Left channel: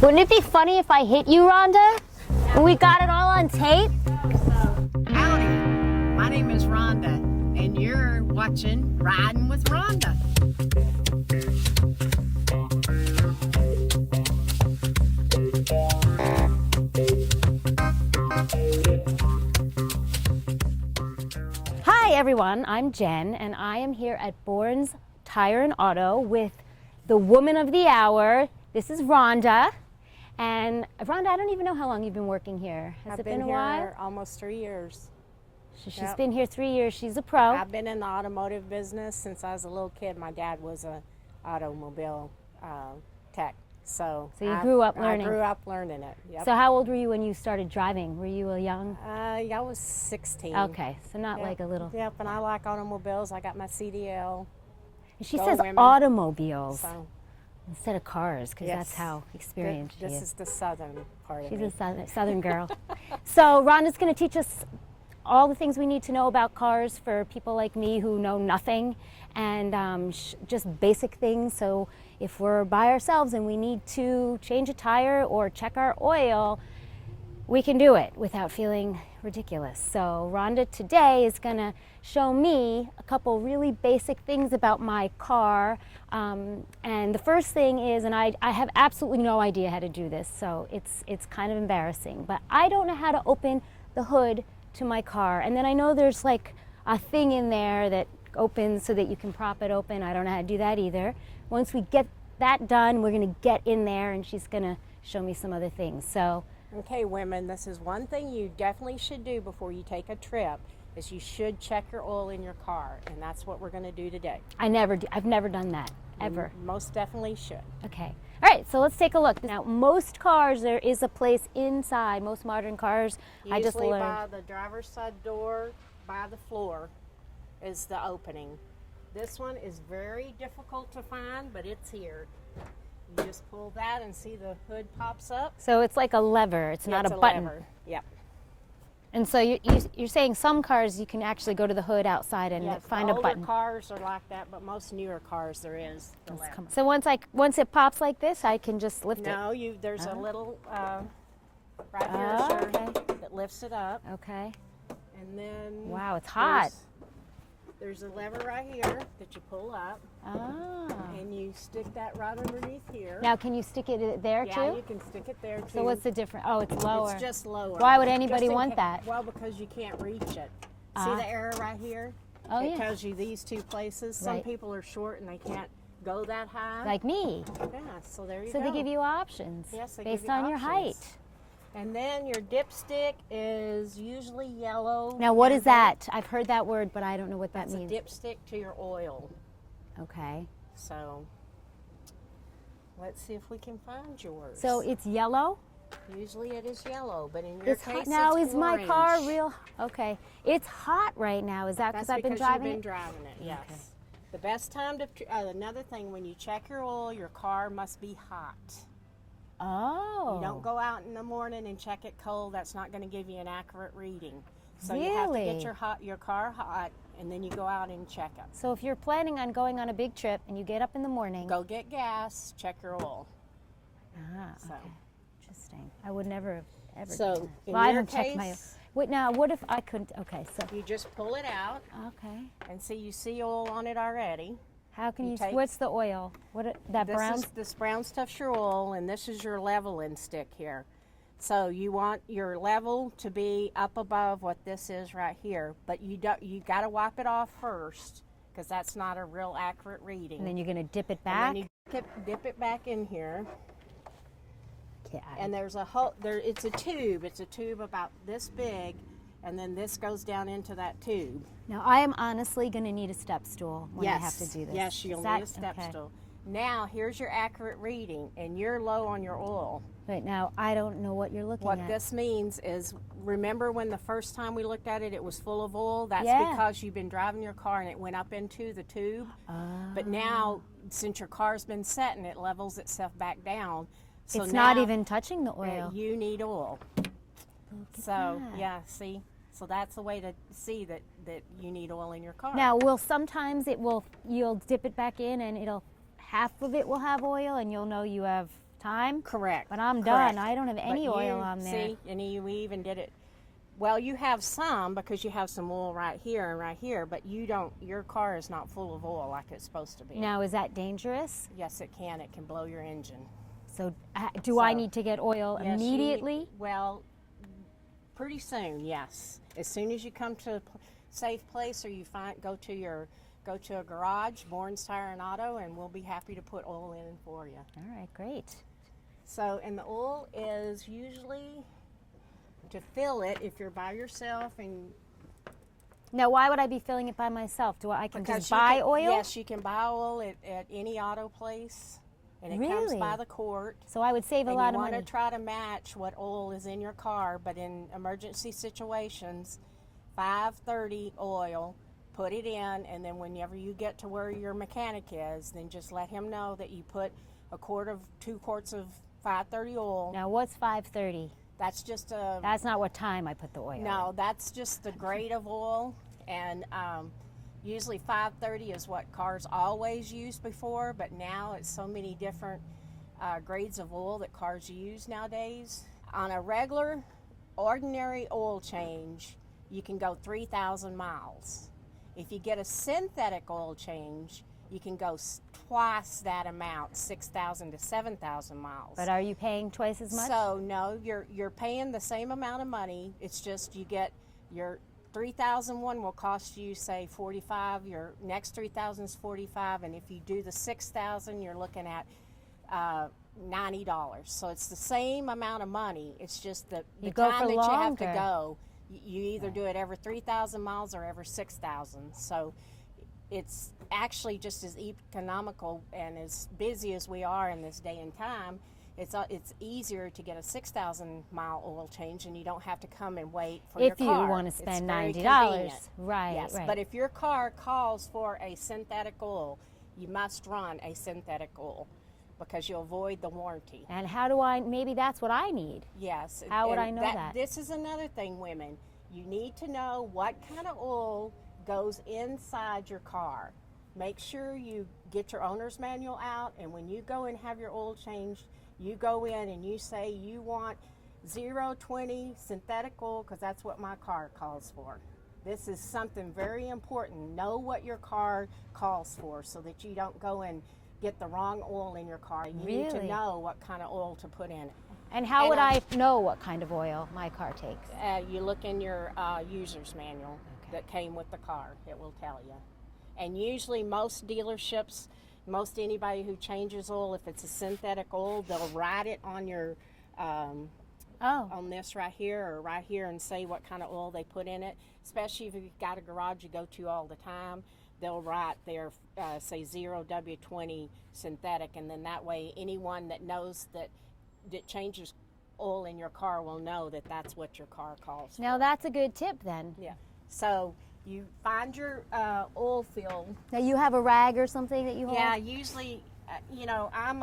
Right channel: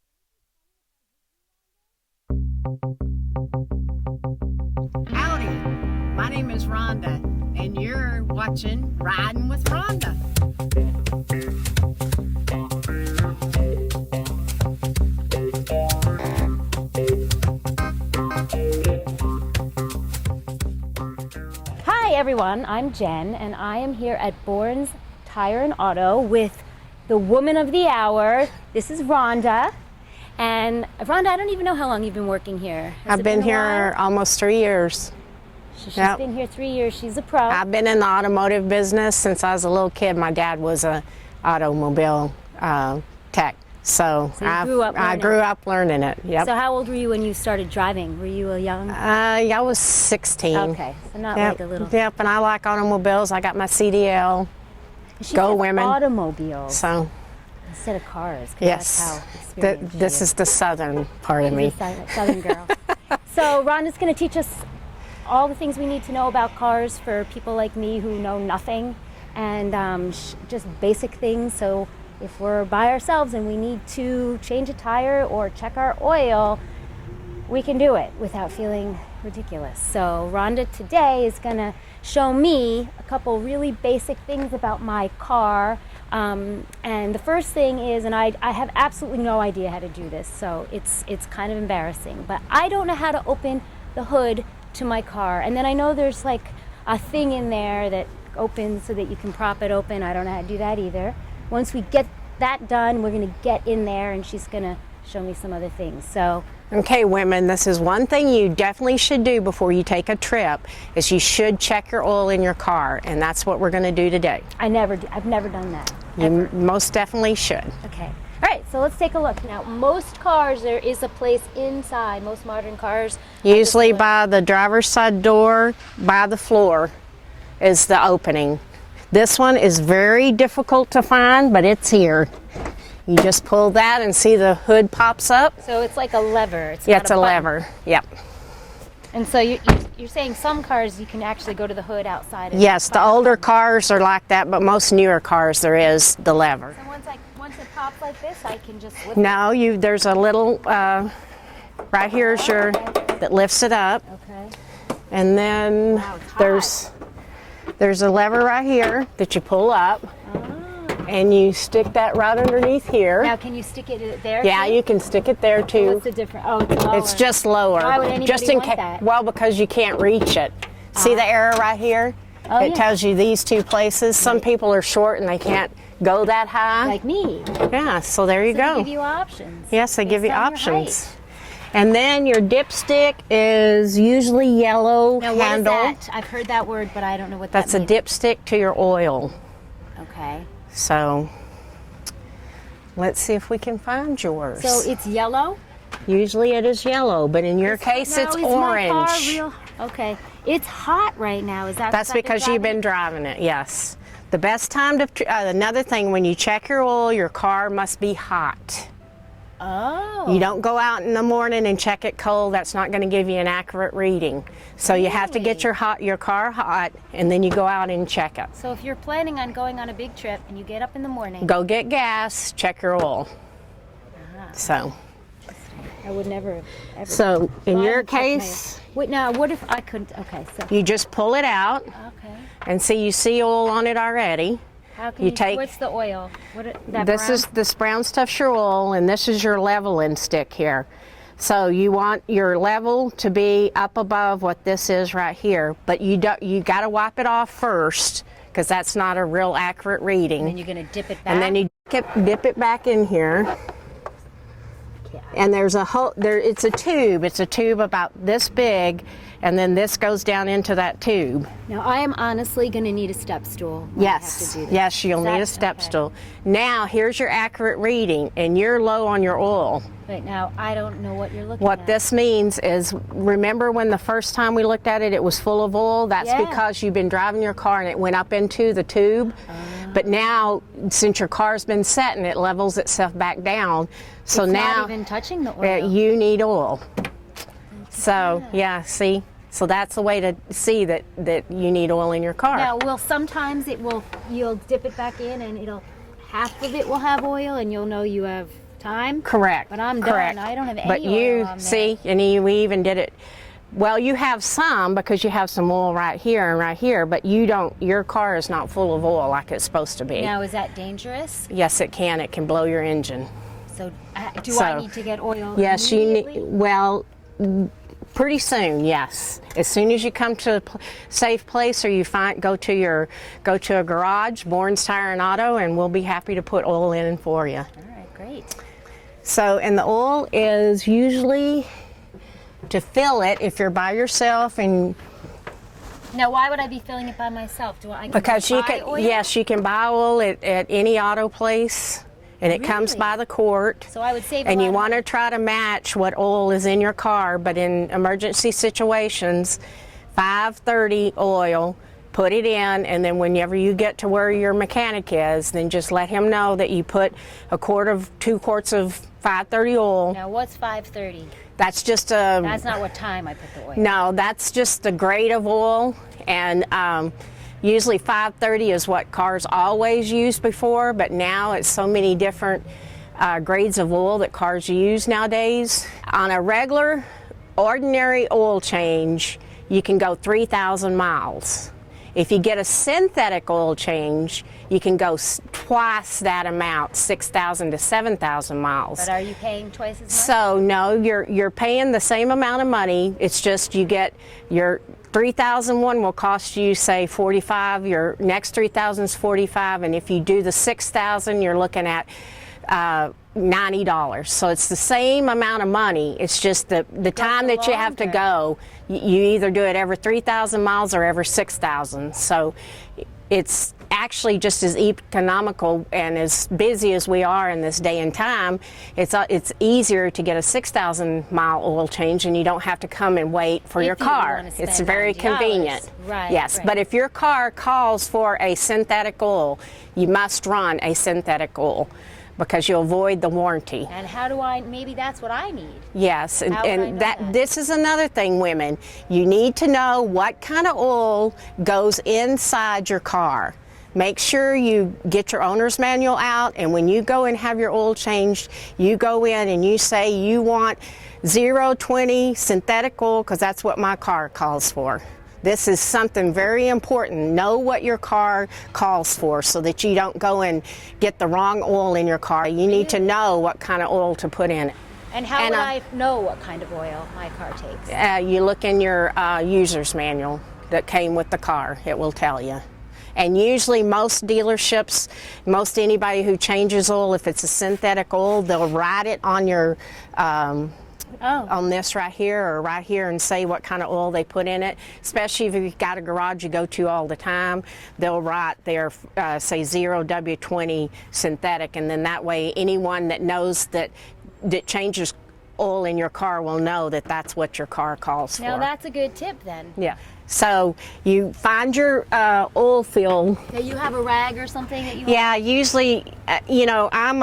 Wouldn't it be funny if I hit you, Rhonda? We got it all on tape? Howdy, my name is Rhonda, and you're watching Riding with Rhonda. Hi everyone, I'm Jen, and I am here at Bourne's Tire and Auto with the woman of the hour. This is Rhonda. And Rhonda, I don't even know how long you've been working here. I've been here almost 3 years. She's been here 3 years. She's a pro. I've been in the automotive business since I was a little kid. My dad was a automobile tech, so I grew up learning it. Yep. So how old were you when you started driving? Were you a young? I was 16. Okay, so not like a little. Yep, and I like automobiles. I got my CDL. She Go says women. Automobiles. So. Instead of cars. Yes. That's how experienced This is the southern part of me. Southern girl. So Rhonda's going to teach us all the things we need to know about cars for people like me who know nothing, and just basic things. So if we're by ourselves and we need to change a tire or check our oil, we can do it without feeling ridiculous. So Rhonda today is going to show me a couple really basic things about my car. And the first thing is, and I have absolutely no idea how to do this, so it's kind of embarrassing, but I don't know how to open the hood to my car. And then I know there's like a thing in there that opens so that you can prop it open. I don't know how to do that either. Once we get that done, we're going to get in there and she's going to show me some other things. So okay, women, this is one thing you definitely should do before you take a trip, is you should check your oil in your car, and that's what we're going to do today. I've never done that. You most definitely should. Okay. All right, so let's take a look. Now, most cars, there is a place inside. Most modern cars. Usually by the driver's side door, by the floor, is the opening. This one is very difficult to find, but it's here. You just pull that and see the hood pops up. So it's like a lever. It's a lever. Yep. And so you're saying some cars you can actually go to the hood outside. And yes, the older cars are like that, but most newer cars there is the lever. So once it pops like this, I can just lift it? No, there's a little right here is your that lifts it up. Okay. And then there's a lever right here that you pull up. And you stick that right underneath here. Now, can you stick it there Yeah, too? you can stick it there too. What's the difference? Oh, it's lower. It's just lower. Why would anybody want that? Well, because you can't reach it. See the arrow right here? Oh, it tells you these two places. Some people are short and they can't go that high. Like me. Yeah, so there you go. They give you options. Yes, they give you on your options. height. And then your dipstick is usually yellow Now, what is handle. that? I've heard that word, but I don't know what that means. That's a dipstick to your oil. Okay. So let's see if we can find yours. So it's yellow? Usually it is yellow, but in your case it's orange. My car real? Okay. It's hot right now. Is that That's because you've been driving it, yes. The best time to, another thing, when you check your oil, your car must be hot. Oh. You don't go out in the morning and check it cold. That's not going to give you an accurate reading. So you have to get your car hot, and then you go out and check it. So if you're planning on going on a big trip and you get up in the morning, go get gas, check your oil. So. I would never. Ever. So in your case, wait. Now, what if I could? Okay. So you just pull it out. Okay. And see, you see oil on it already. How can you take? What's the oil? This brown stuff's your oil, and this is your leveling stick here. So you want your level to be up above what this is right here, but you got to wipe it off first, because that's not a real accurate reading. And then you're going to dip it back. And then you dip it back in here. And there's a hole there. It's a tube. It's a tube about this big, and then this goes down into that tube. Now, I am honestly going to need a step stool. Yes, yes, you'll need a step stool. Now, here's your accurate reading, and you're low on your oil. Right now, I don't know what you're looking at. What this means is, remember when the first time we looked at it, it was full of oil? That's because you've been driving your car and it went up into the tube. But now, since your car's been setting, it levels itself back down. So it's now, not even touching the oil. You need oil. So, yeah, see? So that's the way to see that you need oil in your car. Now, sometimes you'll dip it back in and half of it will have oil, and you'll know you have time. Correct. But I'm correct. done. I don't have any but oil you on there. see, and we even did it. Well, you have some because you have some oil right here and right here, but you don't. Your car is not full of oil like it's supposed to be. Now, is that dangerous? Yes, it can. It can blow your engine. So, do I need to get oil Yes, immediately? you need. Well, pretty soon. Yes, as soon as you come to a safe place or you go to a garage, Bourne's Tire and Auto, and we'll be happy to put oil in for you. All right, great. So, and the oil is usually to fill it if you're by yourself and. Now, why would I be filling it by myself? Because you can, oil? yes, you can buy oil at any auto place, and it comes by the quart. So I would save a And lot you of want to money. try to match what oil is in your car, but in emergency situations, 530 oil, put it in, and then whenever you get to where your mechanic is, then just let him know that you put 2 quarts of 530 oil. Now, what's 530? That's just a. That's not what time I put the oil. No, that's just the grade of oil, and usually 530 is what cars always used before, but now it's so many different grades of oil that cars use nowadays. On a regular, ordinary oil change, you can go 3,000 miles. If you get a synthetic oil change, you can go twice that amount, 6,000 to 7,000 miles. But are you paying twice as much? So no, you're paying the same amount of money. It's just you get your 3,001 will cost you say 45. Your next 3,000 is 45, and if you do the 6,000, you're looking at $90. So it's the same amount of money. It's just the time that you have to go. You either do it every 3,000 miles or every 6,000. So it's actually just as economical, and as busy as we are in this day and time, it's easier to get a 6,000 mile oil change, and you don't have to come and wait for your car. It's very convenient. Right. Yes, right. but if your car calls for a synthetic oil, you must run a synthetic oil because you'll avoid the warranty. And how do I? Maybe that's what I need. Yes, How would I know and that? this is another thing, women. You need to know what kind of oil goes inside your car. Make sure you get your owner's manual out, and when you go and have your oil changed, you go in and you say you want 020 synthetic oil, because that's what my car calls for. This is something very important. Know what your car calls for so that you don't go and get the wrong oil in your car. You need to know what kind of oil to put in it. And how would I know what kind of oil my car takes? You look in your user's manual that came with the car. It will tell you. And usually most dealerships, most anybody who changes oil, if it's a synthetic oil, they'll write it on your on this right here or right here and say what kind of oil they put in it. Especially if you've got a garage you go to all the time, they'll write there, say 0W20 synthetic, and then that way anyone that knows that changes oil in your car will know that that's what your car calls for. Now that's a good tip then. Yeah. So you find your oil fill. That you have a rag or something that you Yeah, want? usually, you know, I'm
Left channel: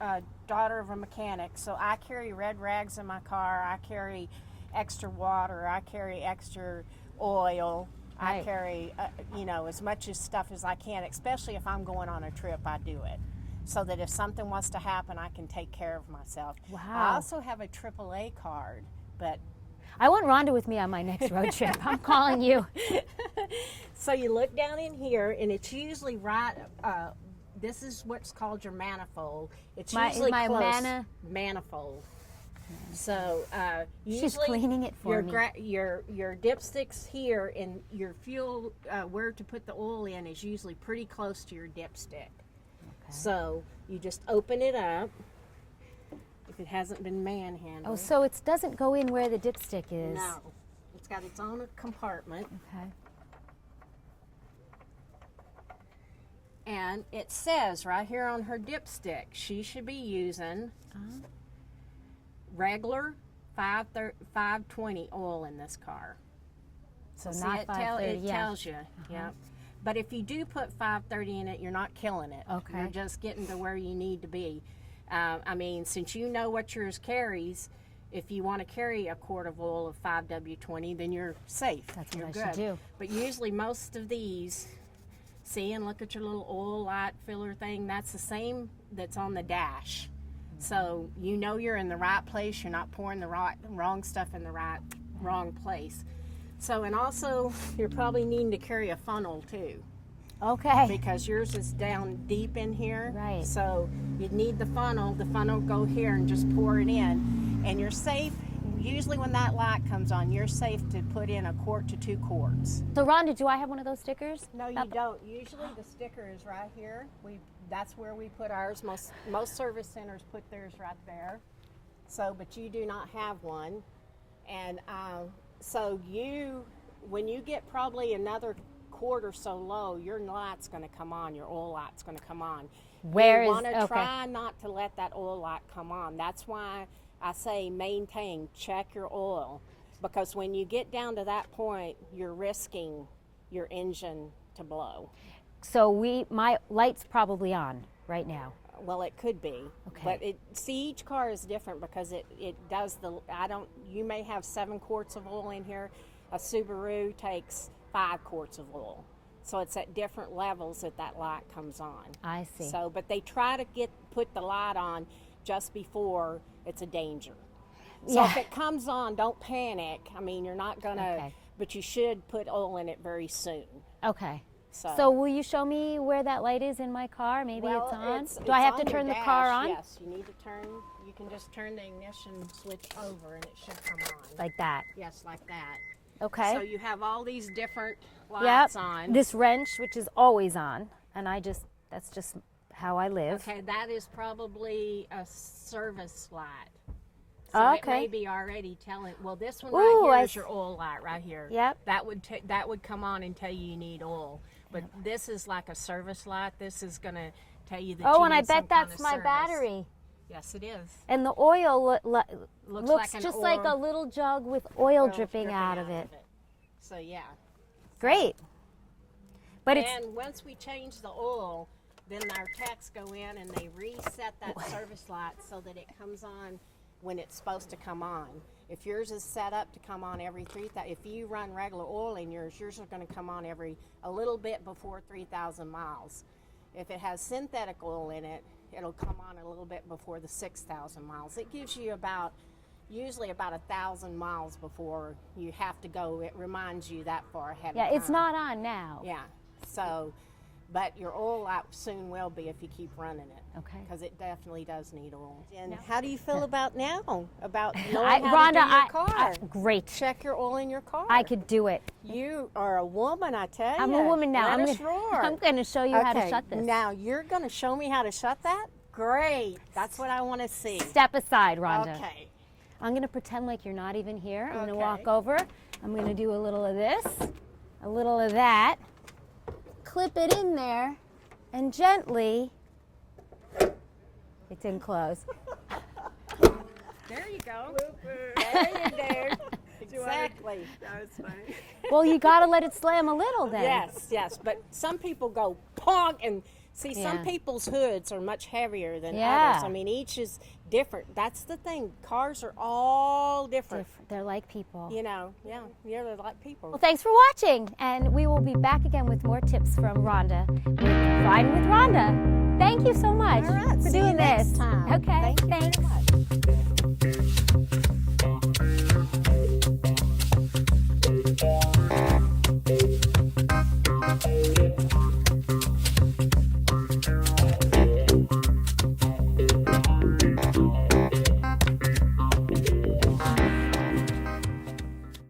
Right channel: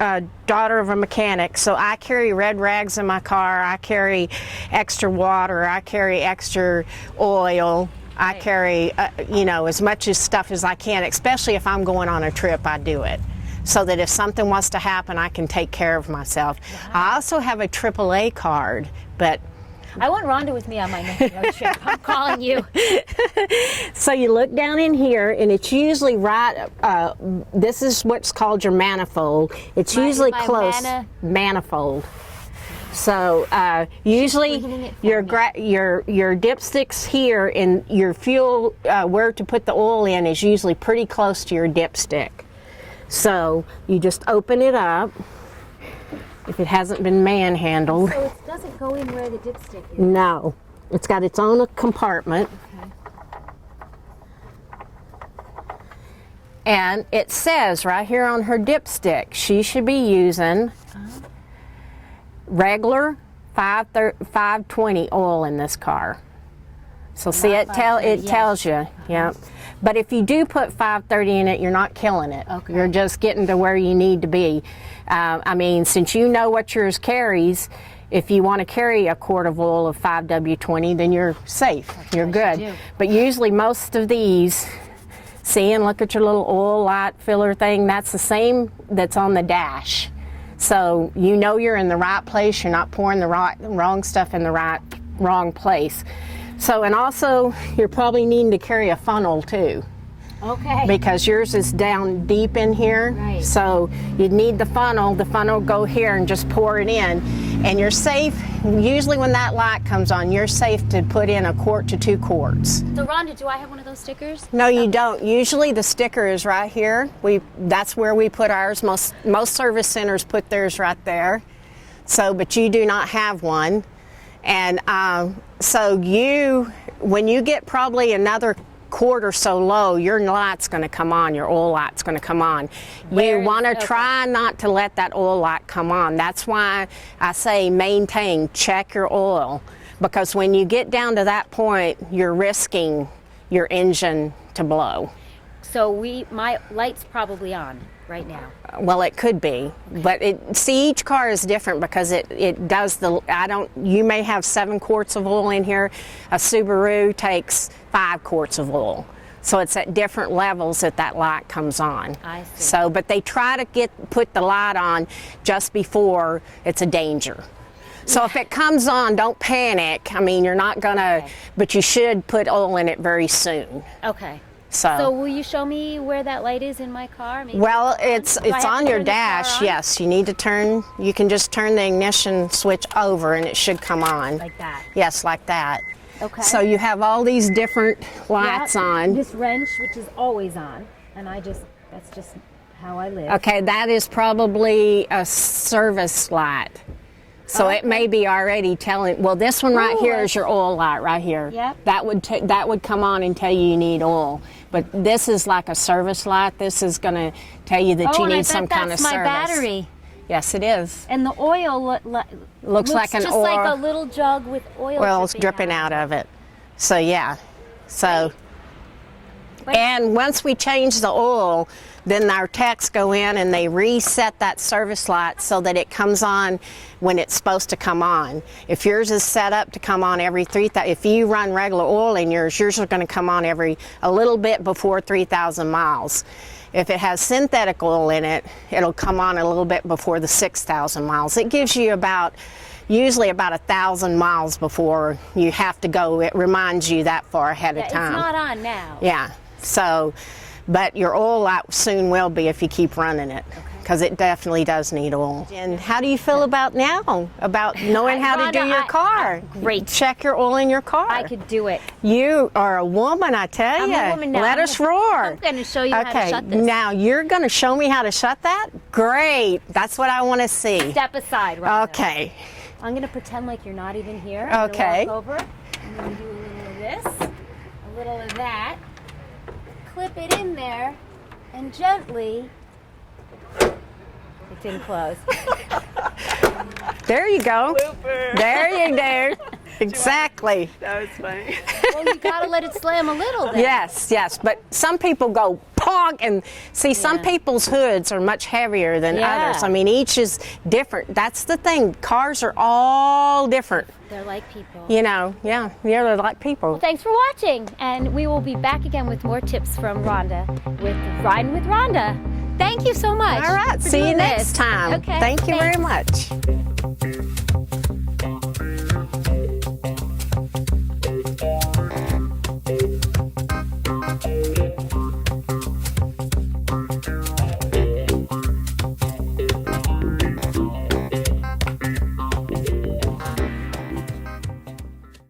a daughter of a mechanic, so I carry red rags in my car. I carry extra water. I carry extra oil. I carry, you know, as much as stuff as I can, especially if I'm going on a trip, I do it. So that if something wants to happen, I can take care of myself. Wow. I also have a AAA card, but I want Rhonda with me on my next road trip. I'm calling you. so you look down in here, and it's usually right, this is what's called your manifold. It's usually my close. Manifold. So usually cleaning it for your dipsticks here, and your fuel, where to put the oil in is usually pretty close to your dipstick. So you just open it up if it hasn't been manhandled. So it doesn't go in where the dipstick is? No. It's got its own compartment. Okay. And it says right here on her dipstick, she should be using regular 520 oil in this car. So see, it tells you, yeah. But if you do put 530 in it, you're not killing it. Okay. You're just getting to where you need to be. I mean, since you know what yours carries, if you want to carry a quart of oil of 5W20, then you're safe. You're good. But usually most of these, see, and look at your little oil light filler thing, that's the same that's on the dash. So you know you're in the right place. You're not pouring the wrong stuff in the wrong place. So, and also you're probably needing to carry a funnel too. Okay. Because yours is down deep in here. Right. So you need the funnel will go here and just pour it in. And you're safe, usually when that light comes on, you're safe to put in 1 quart to 2 quarts. So Rhonda, do I have one of those stickers? No, you don't. Usually the sticker is right here. That's where we put ours. Most service centers put theirs right there. So, but you do not have one. And so when you get probably another quart or so low, your light's going to come on, your oil light's going to come on. You want to try not to let that oil light come on. That's why I say maintain, check your oil, because when you get down to that point, you're risking your engine to blow. So my light's probably on right now. Well, it could be, but each car is different because it does you may have 7 quarts of oil in here. A Subaru takes 5 quarts of oil. So it's at different levels that light comes on. I see. So, but they try to put the light on just before it's a danger. So if it comes on, don't panic. I mean, you're not gonna, but you should put oil in it very soon. Okay. So will you show me where that light is in my car? Maybe well, it's on your dash. On? Yes, you need to turn. You can just turn the ignition switch over, and it should come on. Like that. Yes, like that. Okay. So you have all these different lights on. This wrench, which is always on, and that's just how I live. Okay, that is probably a service light. So it may be already telling. Well, this one right here is your oil light right here. Yep. That would come on and tell you need oil. But this is like a service light. This is going to tell you that you need some kind of service. Oh, and I bet that's my battery. Yes, it is. And the oil looks like an just oil. like a little jug with oil dripping out of it. So yeah. So. Wait. And once we change the oil, then our techs go in and they reset that service light so that it comes on when it's supposed to come on. If yours is set up to come on every 3,000, if you run regular oil in yours is going to come on a little bit before 3,000 miles. If it has synthetic oil in it, it'll come on a little bit before the 6,000 miles. It gives you usually about 1,000 miles before you have to go. It reminds you that far ahead of time. It's not on now. Yeah. So, but your oil light soon will be if you keep running it, because it definitely does need oil. And how do you feel about now? About knowing how to do your car? Great. Check your oil in your car. I could do it. You are a woman, I tell you. I'm a woman now. Let us roar. I'm going to show you how to shut this. Now you're going to show me how to shut that? Great. That's what I want to see. Step aside, Rhonda. Okay. I'm going to pretend like you're not even here. Okay. I'm going to walk over. I'm going to do a little of this, a little of that. Clip it in there, and gently. It didn't close. There you go. Super. There you go. Exactly. That was funny. Well, you got to let it slam a little then. Yes, but some people go pong, and see, some people's hoods are much heavier than others. I mean, each is different. That's the thing. Cars are all different. They're like people. You know, they're like people. Well, thanks for watching, and we will be back again with more tips from Rhonda with Riding with Rhonda. Thank you so much. All right, see you next time. Okay. Thank you very much.